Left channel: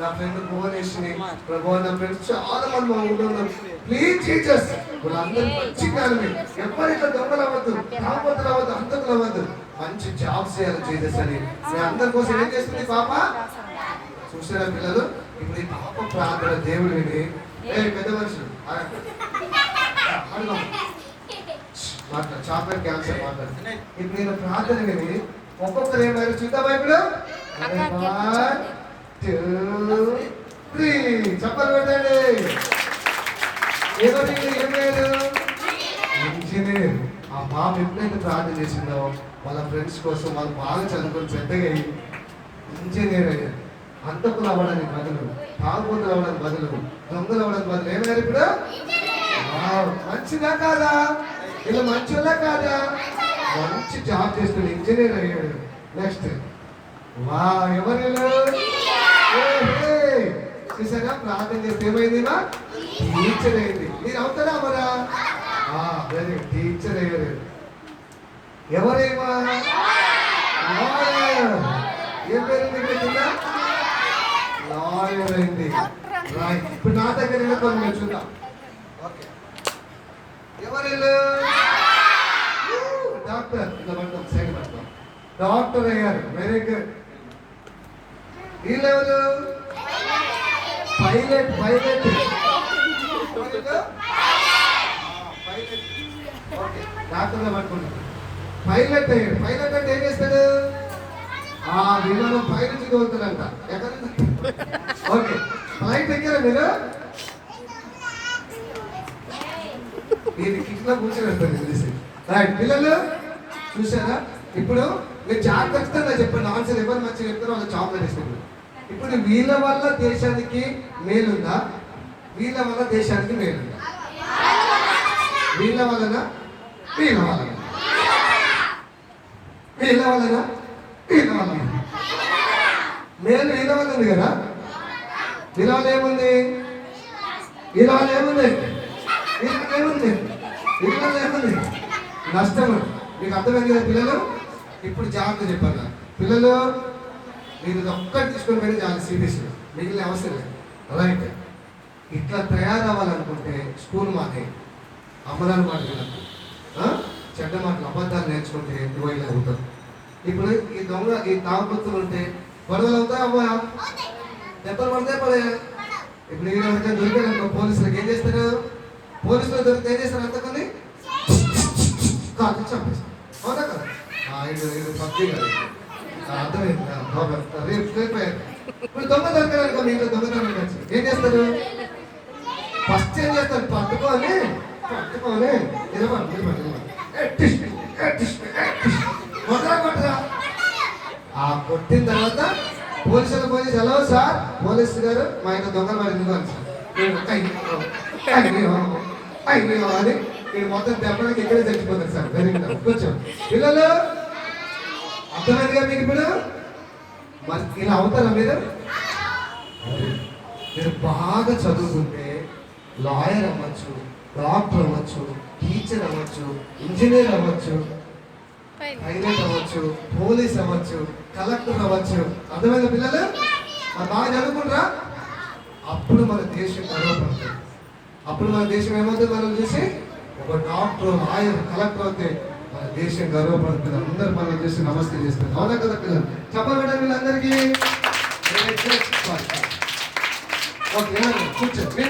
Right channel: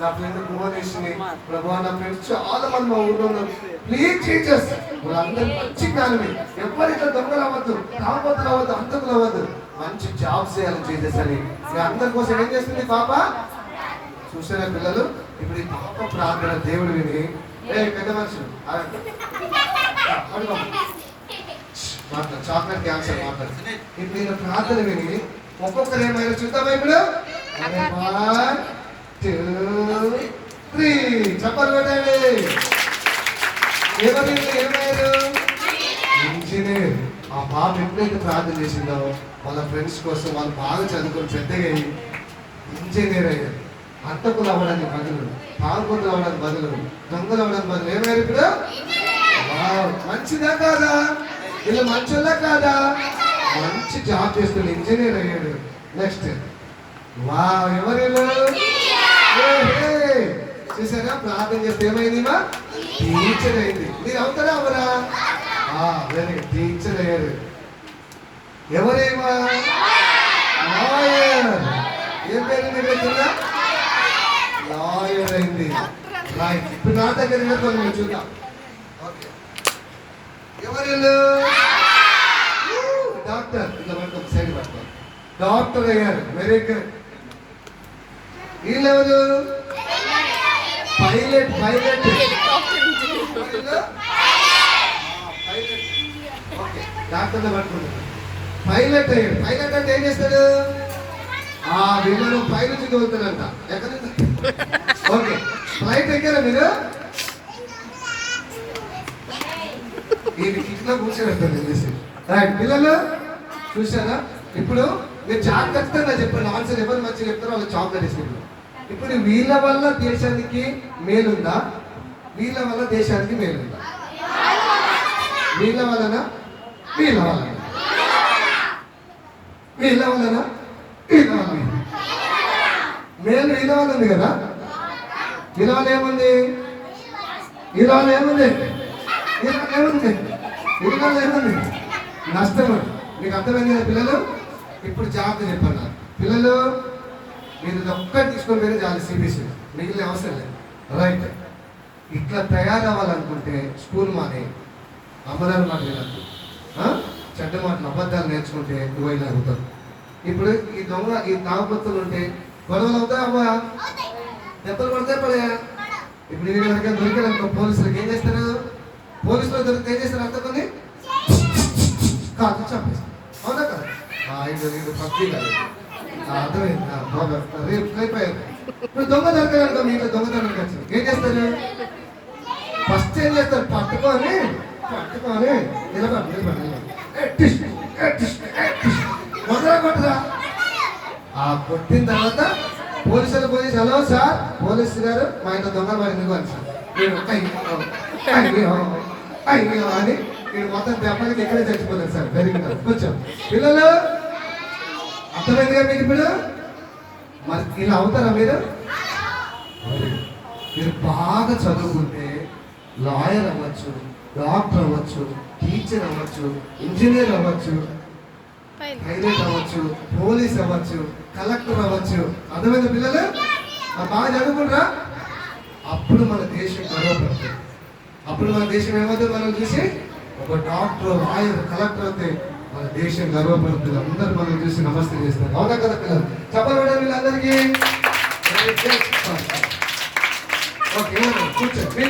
నా ఫ్రెండ్ భువనేష్ని ప్రభా నా ఫ్రెండ్స్ చాలా మంది మా ఊళ్ళో ఉన్నారు. ప్లీజ్ టీచర్స్ వాళ్ళందరూ మంచి జ్ఞానమే, ఎవరితో దొంగలు అవ్వద్దు, కాకపోతే అవ్వద్దు, అంతకులు అవ్వద్దు, మంచి జాబ్స్ చేయాలని చేసేసరి మీ అందరి కోసం ఏం చేస్తుంది పాప. చూసారా పిల్లలు, ఇప్పుడు ఈ పాప ప్రార్థన దేవుడు విని పెద్ద మనుషులు మాట్లాడు, చాక్లెట్ క్యాన్సర్ మాట్లాడు. ఇప్పుడు నేను ప్రార్థన విని ఒక్కొక్కరు ఏమైనా చూద్దాం ఇప్పుడు 1 2 3 చెప్పలు పెట్టండి. ఎవరు ఏమయ్యారు? ఇంజనీర్. ఆ పాప ఎప్పుడైతే ప్రార్థన చేసిందో వాళ్ళ ఫ్రెండ్స్ కోసం వాళ్ళు బాగా చదువుకొని పెద్దగా అయ్యి ఇంజనీర్ అయ్యారు. అంతకులు అవ్వడానికి బదులు, తాగుబోతులు అవ్వడానికి బదులు, దొంగలు అవ్వడానికి బదులు ఏమయ్యారు ఇప్పుడు? మంచిదా కాదా? వీళ్ళు మంచిదా కాదా? మంచి జాబ్ చేస్తున్న ఇంజనీర్ అయ్యాడు. నెక్స్ట్ వా ఎవరు చూసారా? ప్రార్థన చేస్తే ఏమైంది? టీచర్ అయింది. మీరు అవుతారా అవ్వరా? వెరీ టీచర్ అయ్యారు. ఎవరేమా? లాయర్. ఏం పేరు మీకు కింద? లాయర్ అయింది. రైట్. ఇప్పుడు నా దగ్గర వెళ్ళిపోయి చూద్దాం. ఎవరు? డాక్టర్. ఇలా పట్టుకో, సైడ్ పట్టుకో. డాక్టర్ అయ్యారు. Very good. వీళ్ళెవరు? పైలట్. పైలట్ డాక్టర్లో పట్టుకుంటారు. పైలట్ అయ్యాడు. పైలట్ అంటే ఏం చేస్తాడు? ఆ విమానం పై నుంచి తోలుతాడంట. ఎక్కడ? ఓకే, ఫ్లైట్ ఎక్కారా మీరు? ఇది కిట్లో కూర్చోబెడతాను చేసి. రైట్ పిల్లలు చూసారా? ఇప్పుడు మీరు జాగ్రత్తగా చెప్పండి. ఆన్సర్ ఎవరు మంచిగా చెప్తారో వాళ్ళు చాక్లెట్ ఇస్తారు. ఇప్పుడు వీళ్ళ వల్ల దేశానికి మేలుందా? వీళ్ళ వల్ల దేశానికి మేలుందా? వీళ్ళ వలన? వీళ్ళ వలన? వీళ్ళ వలన? వీళ్ళ వలన? మేలు వీళ్ళ వల్ల ఉంది కదా. వీళ్ళ వల్ల ఏముంది? వీళ్ళ వల్ల ఏముంది? వీళ్ళ వల్ల ఏముంది? వీళ్ళ వల్ల ఏముంది? నష్టము. మీకు అర్థమైంది కదా పిల్లలు? ఇప్పుడు జాగ్రత్త చెప్పాను పిల్లలు. మీరు ఒక్కటి తీసుకొని పోయినా చాలా సిబిఎస్ఈ, మిగిలిన అవసరం లేదు. రైట్. ఇట్లా తయారవ్వాలనుకుంటే స్కూల్ మానే, అమలాన్ని మాట వినద్దు, చెడ్డ మాటలు అబద్ధాలు నేర్చుకుంటే నువ్వైనా అవుతావు. ఇప్పుడు ఈ దొంగ ఈ తాగుబోతులు ఉంటే గొడవలు అవుతాయి అవ్వా, దెబ్బలు పడితే పడే. ఇప్పుడు నేను ఎవరికైనా దొరికాను పోలీసులకు ఏం చేస్తారు? పోలీసులు దొరికితే ఏం చేస్తారు? అంతకొని కాదు చంపేస్తారు. అవునా కదా? ఇది పబ్జీ కదా. అర్థమైంది. ఇప్పుడు దొంగ దొరికారనుకో, మీరు దొంగతనం వచ్చి ఏం చేస్తారు? ఫస్ట్ ఏం చేస్తారు? పట్టుకొని మొదలు కొట్టరా. ఆ కొట్టిన తర్వాత పోలీసులు హలో సార్, పోలీసు గారు మా ఇంట్లో దొంగ మరి ఎందుకు అని సార్ అయ్యో అని మీరు మొత్తం దెబ్బలకి ఇక్కడే చచ్చిపోతారు సార్. Very good. కొంచెం పిల్లలు అర్థమైందిగా మీకు? ఇప్పుడు మరి ఇలా అవుతారా మీరు? మీరు బాగా చదువుకుంటే లాయర్ అవ్వచ్చు, డాక్టర్ అవ్వచ్చు, టీచర్ అవ్వచ్చు, ఇంజనీర్ అవ్వచ్చు, పైలట్ అవ్వచ్చు, పోలీస్ అవ్వచ్చు, కలెక్టర్ అవ్వచ్చు. అర్థమైంది పిల్లలు? బాగా చదువుకుంటారా? అప్పుడు మన దేశం గర్వపడుతుంది. అప్పుడు మన దేశం ఏమవుతుంది? మనం చూసి ఒక డాక్టర్, లాయర్, కలెక్టర్ అయితే మన దేశం గర్వపడుతుంది. అందరూ మనం చూసి నమస్తే చేస్తారు. అవునా కదా పిల్లలు? చెప్పబడ్డారు వీళ్ళందరికీ. ఓకే, కూర్చోండి.